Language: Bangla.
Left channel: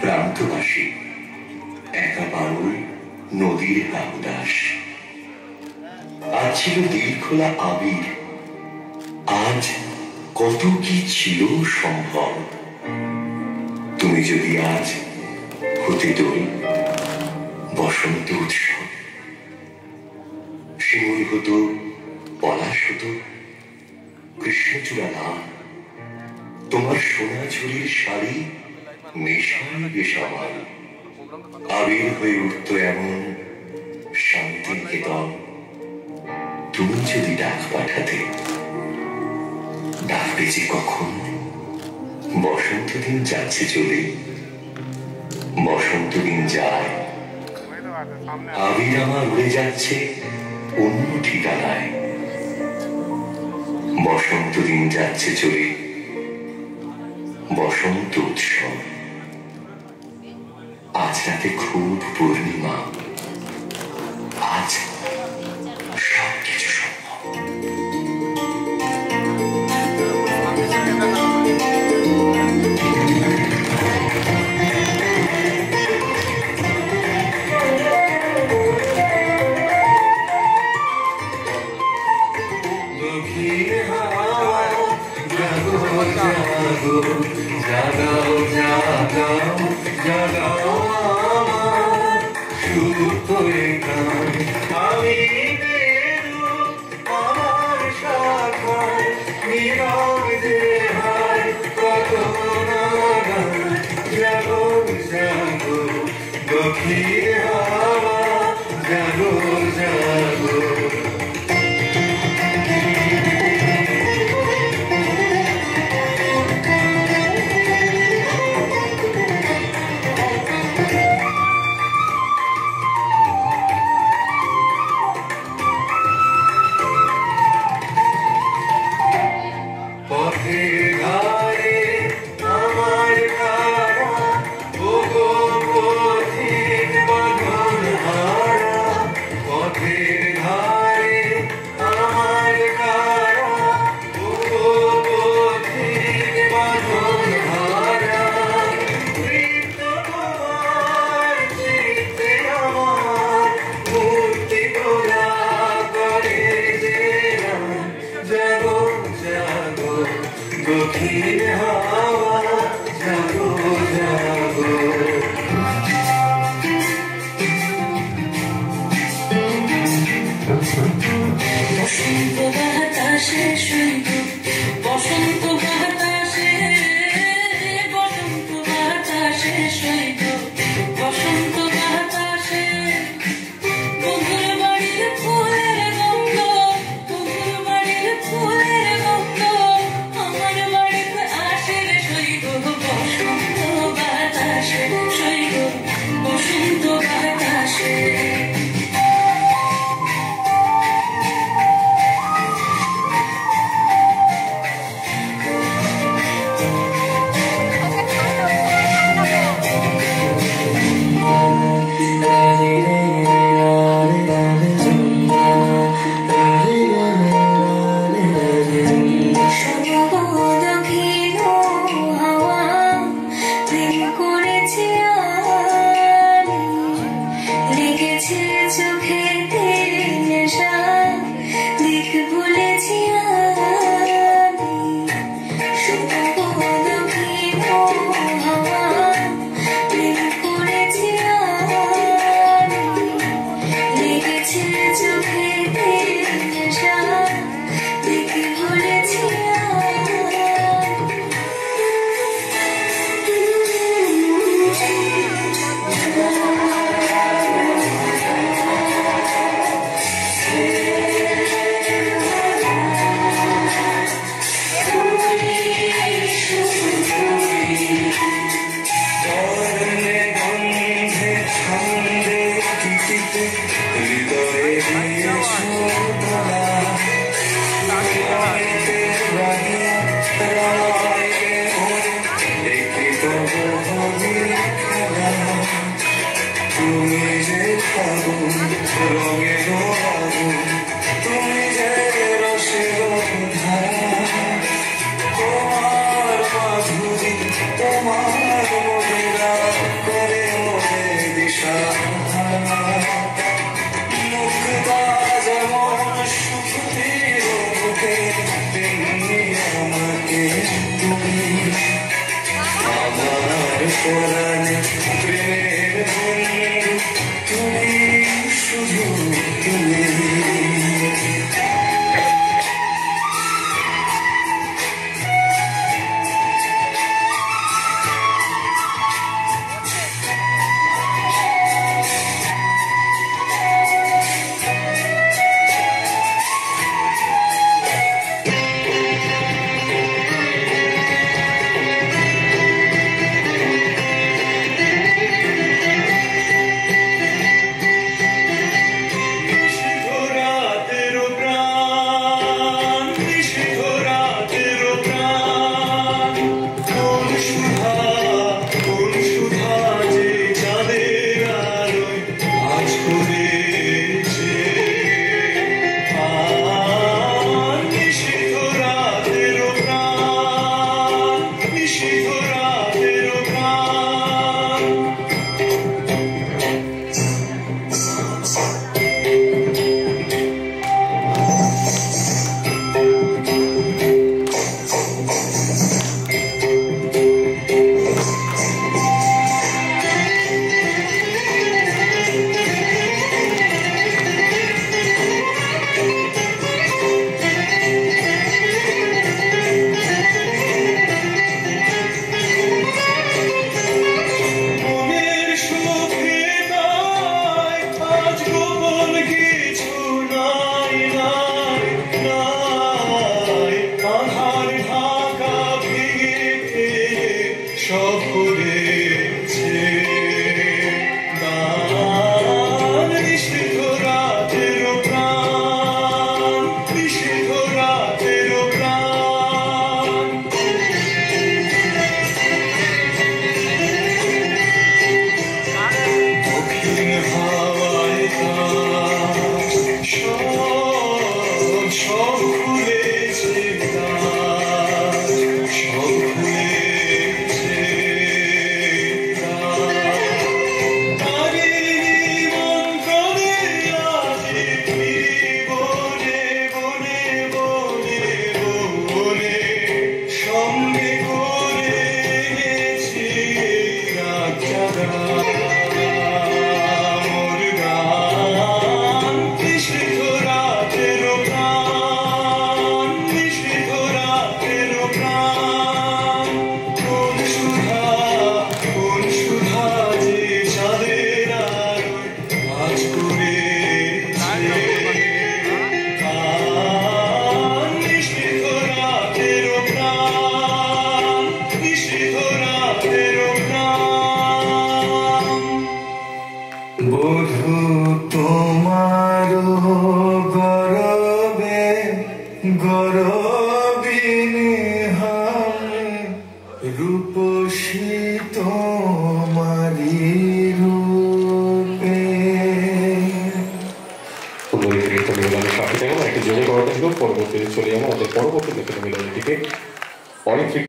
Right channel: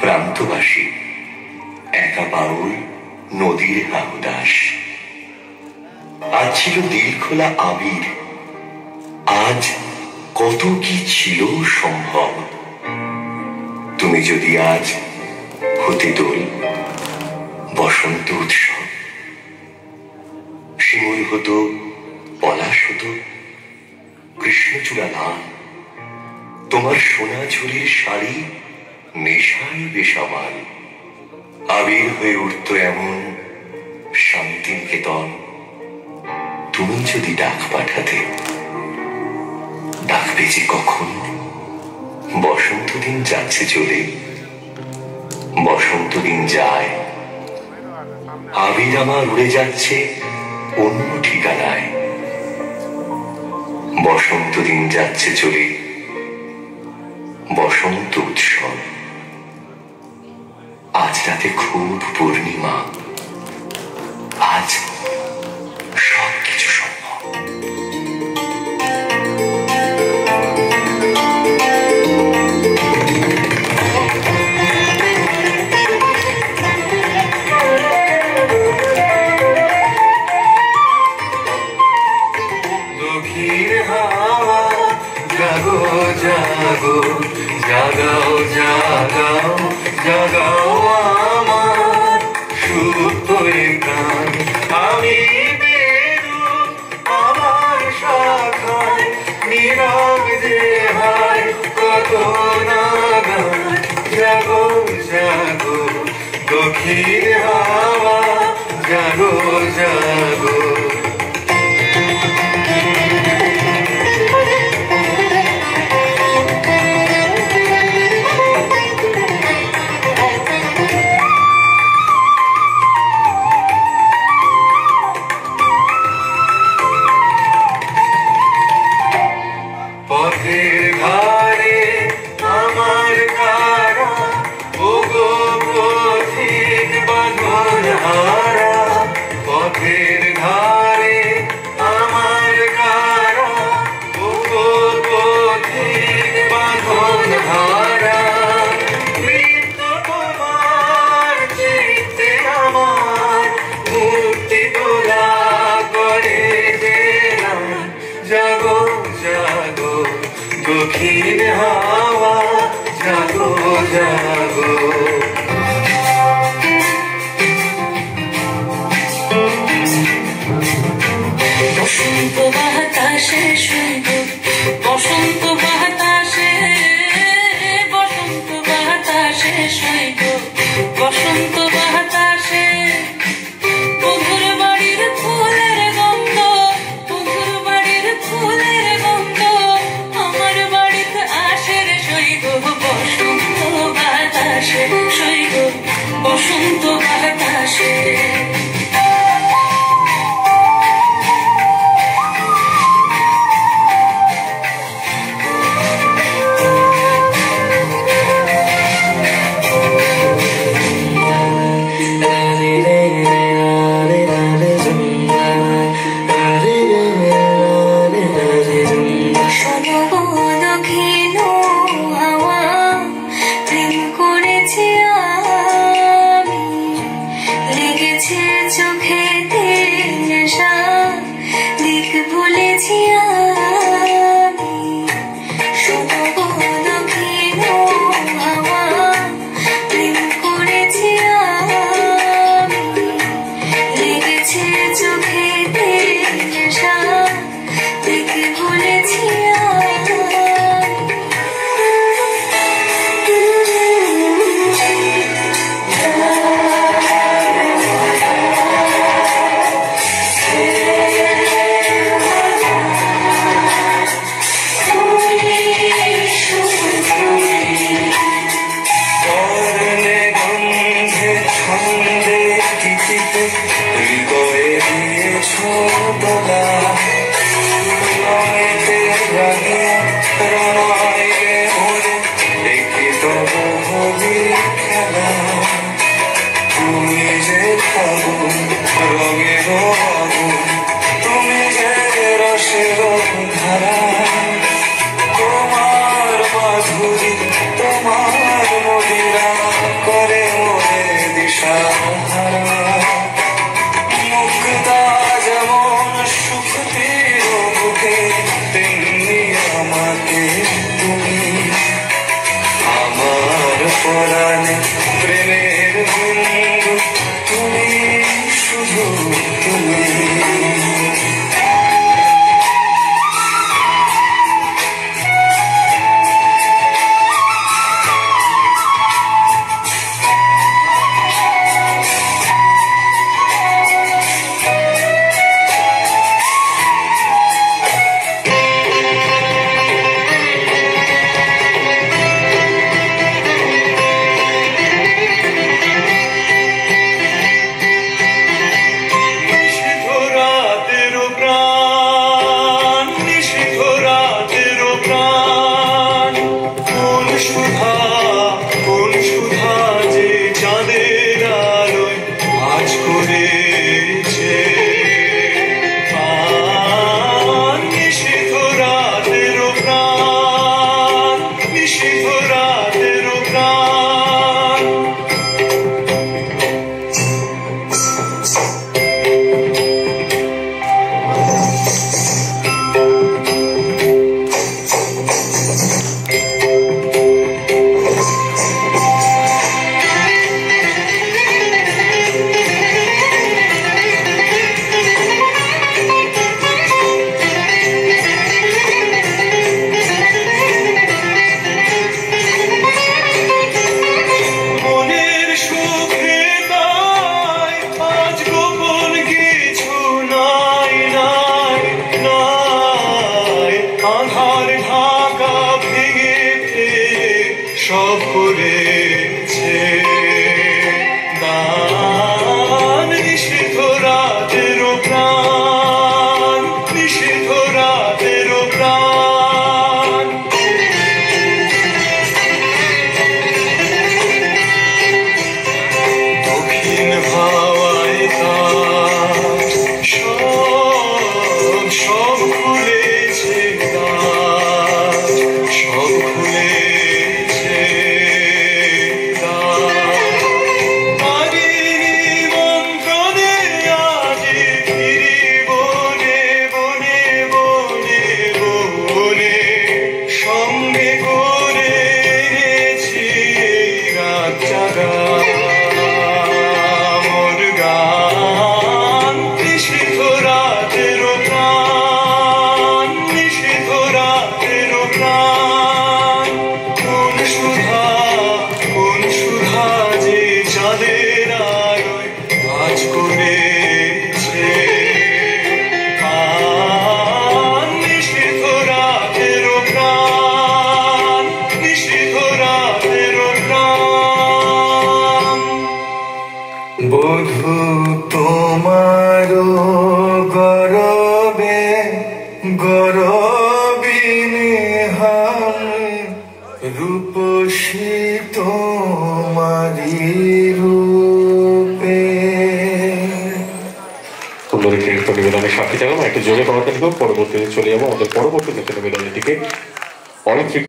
প্রান্তবাসী একা পারুল নদীর হাহুদাস। আজ ছিল দিল খোলা আবির, আজ কত কি ছিল সম্ভব। তুমি যদি আজ হতে দোল বসন্ত উৎসব, শিমুল হতো, পলাশ হতো, কৃষ্ণচূড়া লাল, তোমার সোনা ঝুলির শাড়ি নেশায় বেসামাল। আবির হয়ে উঠত এমন শান্তি নিকেতন। তুমি যদি ডাক পাঠাতে, ডাকবে যে কখন। বসন্ত দিন যাচ্ছে চলে, বসন্ত দিন যায়, আবির আমার উড়ে যাচ্ছে অন্য ঠিকানায়। বসন্ত দিন যাচ্ছে চলে, বসন্ত উৎসব। আজ রাতে খুব পূর্ণিমা, আজ সবকিছু সম্ভব। দক্ষিণ হাওয়া জাগো জাগো, জাগাও জাগাও জাগাও আমার সুপ্ত প্রাণ। আমি বেরু আমার শাখায়, নীরব যে হায় কত না গান। জাগো জাগো দক্ষিণ হাওয়া জাগো জাগো। পথের ধারে আমার কারা, ও গো পথিক বাঁধন হারা। পথের ধারে আমার কারা, ও গো পথিক বাঁধন হারা। কৃত তোমার চিত্তে আমার মূর্তি তোলা করে গেলাম। জাগো জাগো দক্ষিণ হাওয়া জাগো জাগো। বসন্ত বাতাসে শুইব, বসন্ত বাতাসে, বসন্ত বাতাসে শুইব, বসন্ত বাতাসে। বন্ধুর বাড়ির ফুলের গন্ধ, বন্ধুর বাড়ির ফুলের গন্ধ আমার বাড়িতে আসে রে শুইব। বসন্ত বাতাসে শুইব, বসন্ত বাতাসে। তোমার মধুরা পরাণে প্রেমের বিন্দু তুমি, শুধু তুমি। সব করেছে দান, নিষিদ্ধ রাতের প্রাণ, নিষিদ্ধ রাতের প্রাণ। দক্ষিণ হাওয়ায় কাজ সব সব খুলেছে কাজ, সব খুলেছে সঙ্গে করেছি রাত জাগা মোর গান, নিষিদ্ধ রাতের প্রাণ, নিষিদ্ধ রাতের প্রাণ। কোন সুধা যে চাঁদের আলোয় কাজ করেছে বধূ তোমার গরবে গরবিনী হাম, রূপসী তোমারি রূপে। নিবেদনের সাথে যাবো একটু জোরে করাতে দেবো, পরবর্তীতে চলে যাবো আমাদের পরবর্তী নিবেদনের দিকে। অনেক